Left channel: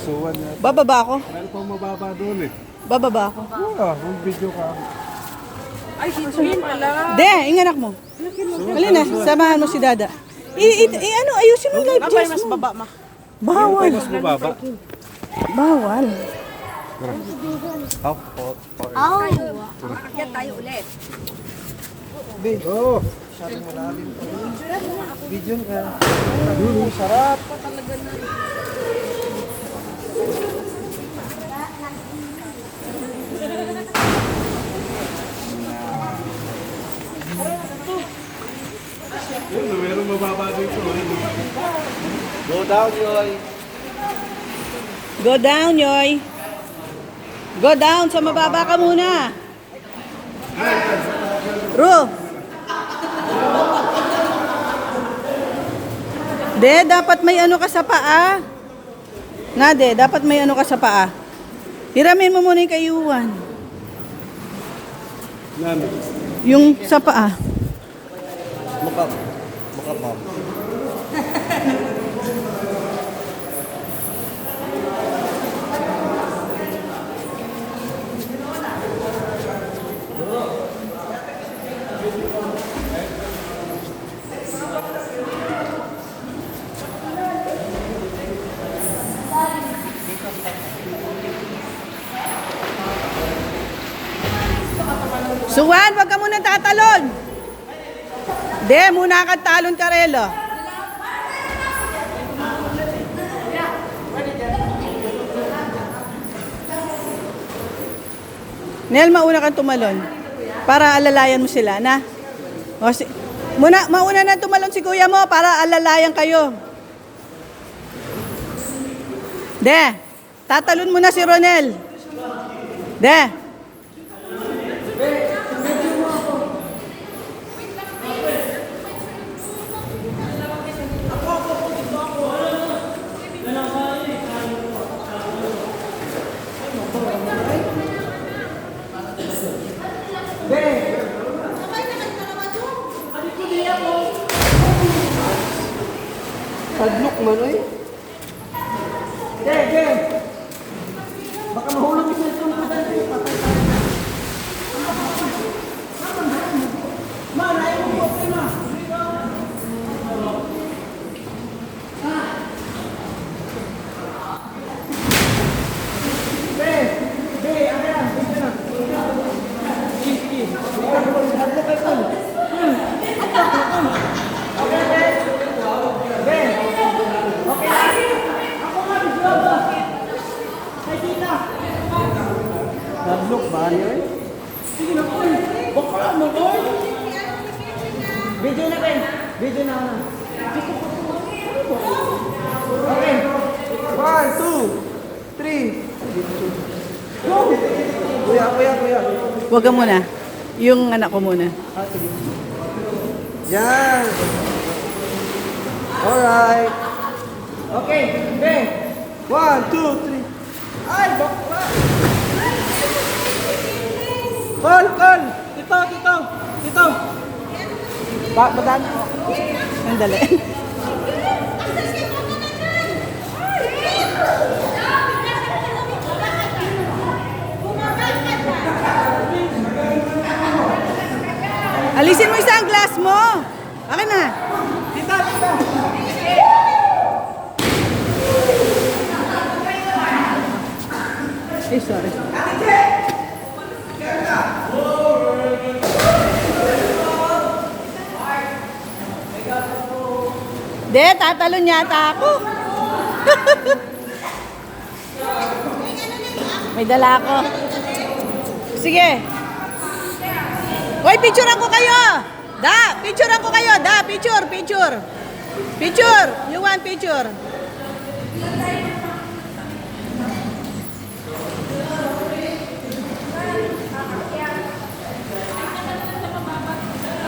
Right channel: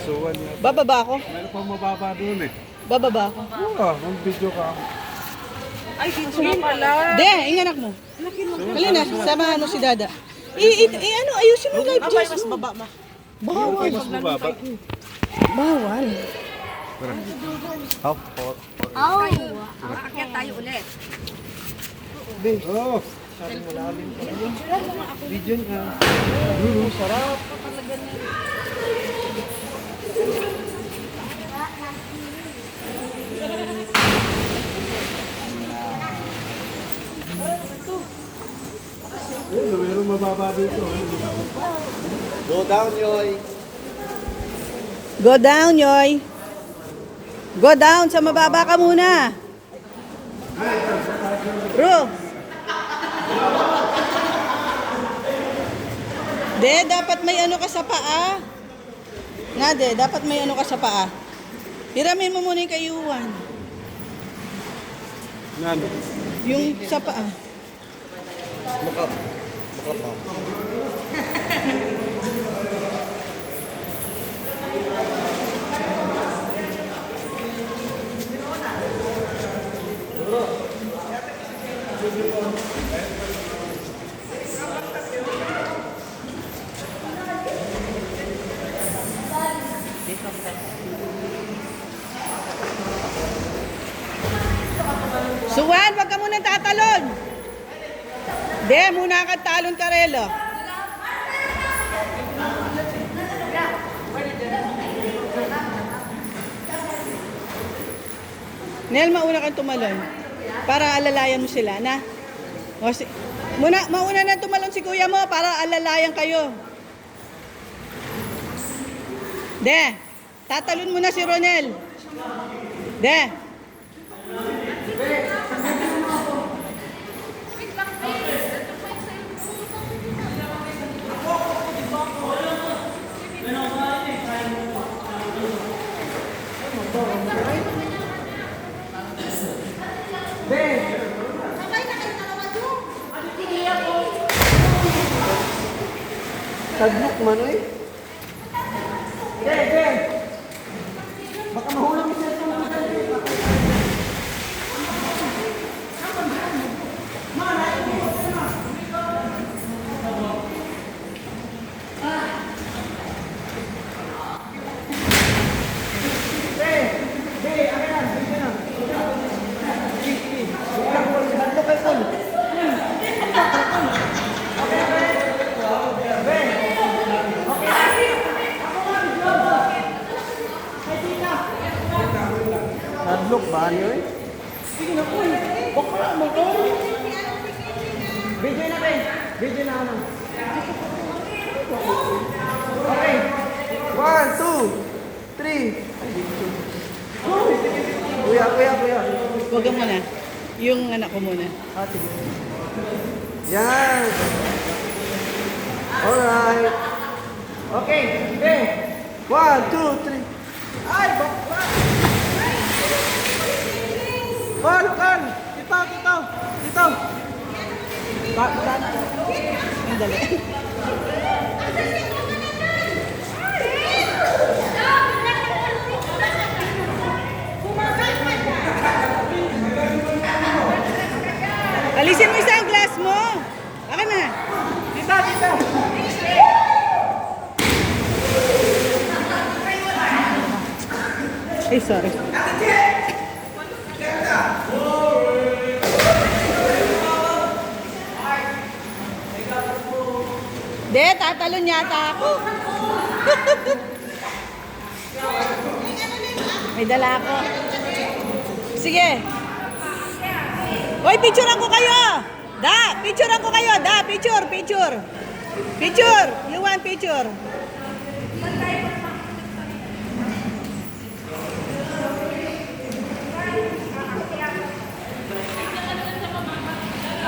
Suwan yan. Bababa ako. Meron pang mababa doon eh. Bababa ako. Oo, kung video ka. Ay, dito na pala. De, inganak mo. Halina, samahan mo si Dada. Ano, ayusin mo live dress mo. Baba, ma. Bawal. Mas mababa. Bawal. Half pot. Makakit tayo ulit. Oo. Video ka. Sarap. Yun, meron mababa dito. Go down, Roy. Go down, Yoy. Go down, sa mababa ka muna. Ru. De, dapat may ano ka sa paa. Nga, De, dapat may ano ka sa paa. Hiramin mo muna yung kayuan. Ano? Yung sa paa. Suwan, wag ka munang tatalon. De, muna kang talon ka, Relo. Nel, mauna kang tumalon. Para alalayan mo sila, na? O, mauna na tumalon si kuya mo para alalayan kayo. De, tatalon mo na si Ronel. De. Tadlok man, oy. Baka mahulog mo sa itong Tadlok ba niyo, eh? Sige na po, baka mo to. Video na kayo. Video na. Okay. 1, 2, 3. Kuya. Wag ka muna. Yung anak ko muna. Yan. Alright. Okay, okay. 1, 2, 3. Ay, bakla. Kon. Dito. Bagaan. Andali. Alisin mo isang glass mo. Akin na. Dito. Ay, sorry. De, tatalon yata ako. May dala ako. Sige. Hoy, picturean ko kayo. Picturean ko kayo. Picture. You want picture?